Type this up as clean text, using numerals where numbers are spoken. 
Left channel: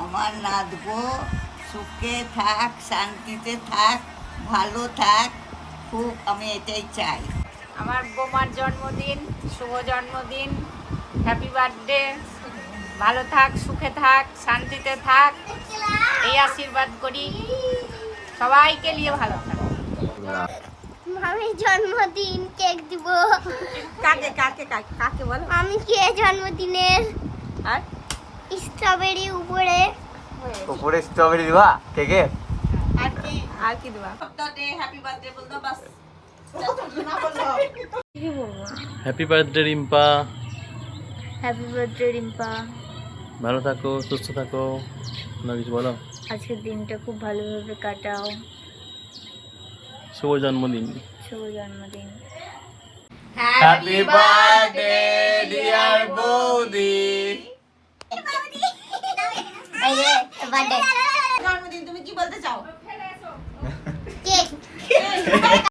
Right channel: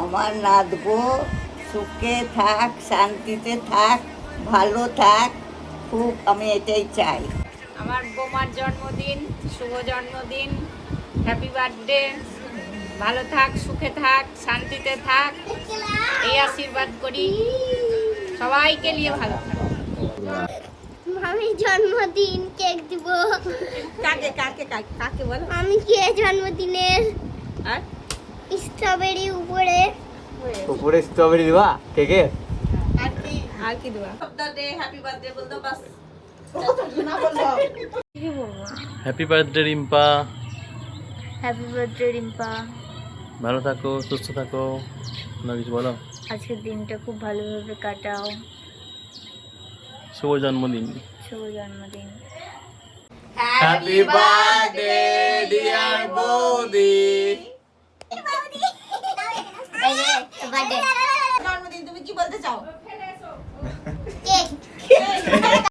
আমার নাতবো সুখে থাক, শান্তিতে থাক, ভালো থাক, খুব আমি এটাই চাই। আমার বোমার জন্মদিন, শুভ জন্মদিন, হ্যাপি বার্থডে। ভালো থাক, সুখে থাক, শান্তিতে থাক, এই আশীর্বাদ করি। সবাইকে নিয়ে ভালো থাক। আমি জন্মদিন কেক দিব। কাকে কাকে কাকে কাকে বলো? আমি কে জন্মদিনের আর স্ট্রবেরি উপরে উপরে স্ট্রবেরি দিবা কেকে? আর কি দেবা? Happy birthday Rimpa, happy birthday Rimpa. ভালো থাকো, সুস্থ থাকো, না কিছু বলো। আজকের দিনটা খুব ভালোভাবে কাটাও। শুভ জন্মদিন। শুভ জন্মদিন। হ্যাপি বার্থডে ডিয়ার বৌদি। এই যে বার্থডে জন্মদিন তুমি কি বলতে চাও? কেক